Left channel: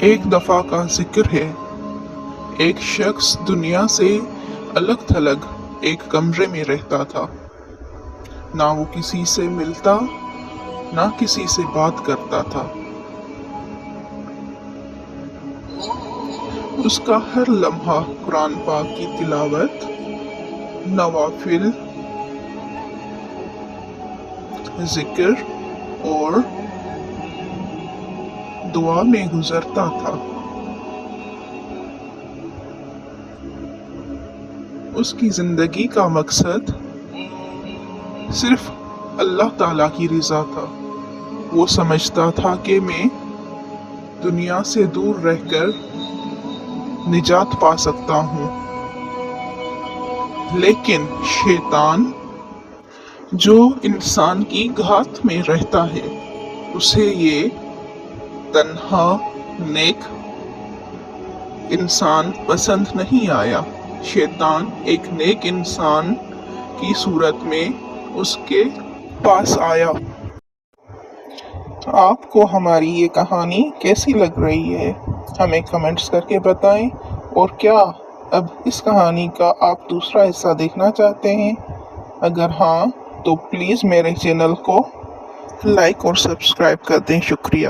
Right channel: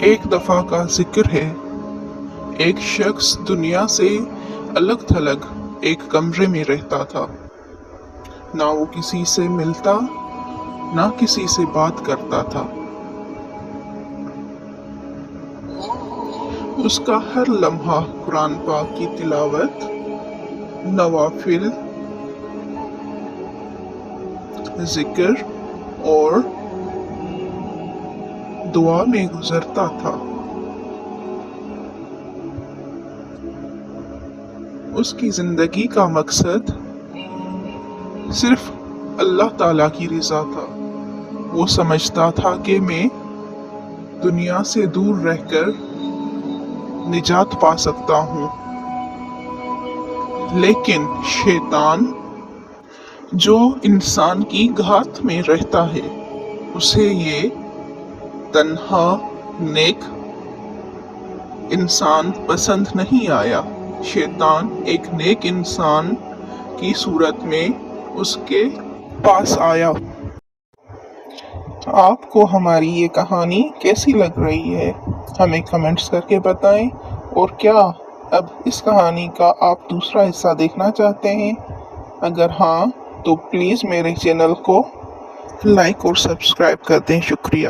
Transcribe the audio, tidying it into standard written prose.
ایک دفعہ کا ذکر ہے، ایک شخص دنیا سے الگ تھلگ ایک کمرے میں رہتا تھا۔ نہ وہ کسی سے ملتا، نہ کسی سے بات کرتا تھا۔ اس کا ہر لمحہ قرآن پاک کی تلاوت، نوافل، ذکر اور دعا میں گزرتا تھا۔ اس کی زندگی کا مقصد صرف اللہ تعالیٰ کی رضا تھا۔ وہ سمجھتا تھا کہ میں دنیا سے دور رہ کر نجات پا سکتا ہوں، لیکن شیطان جو انسان کی گھات میں رہتا ہے، اسے یہ تنہا نیک انسان پسند نہیں آیا۔ شیطان ایک نیک انسان کی صورت میں اس کے پاس آیا۔ آپ کو ہماری یہ کہانی کیسی لگ رہی ہے؟ ہمیں کمنٹس کر کے بتائیں، اور کیا اب اس کہانی کا آپ دوسرا حصہ دیکھنا چاہتے ہیں؟ اگر ہاں تو پلیز میرے چینل کو لائک اور سبسکرائب کر دیں۔ شکریہ۔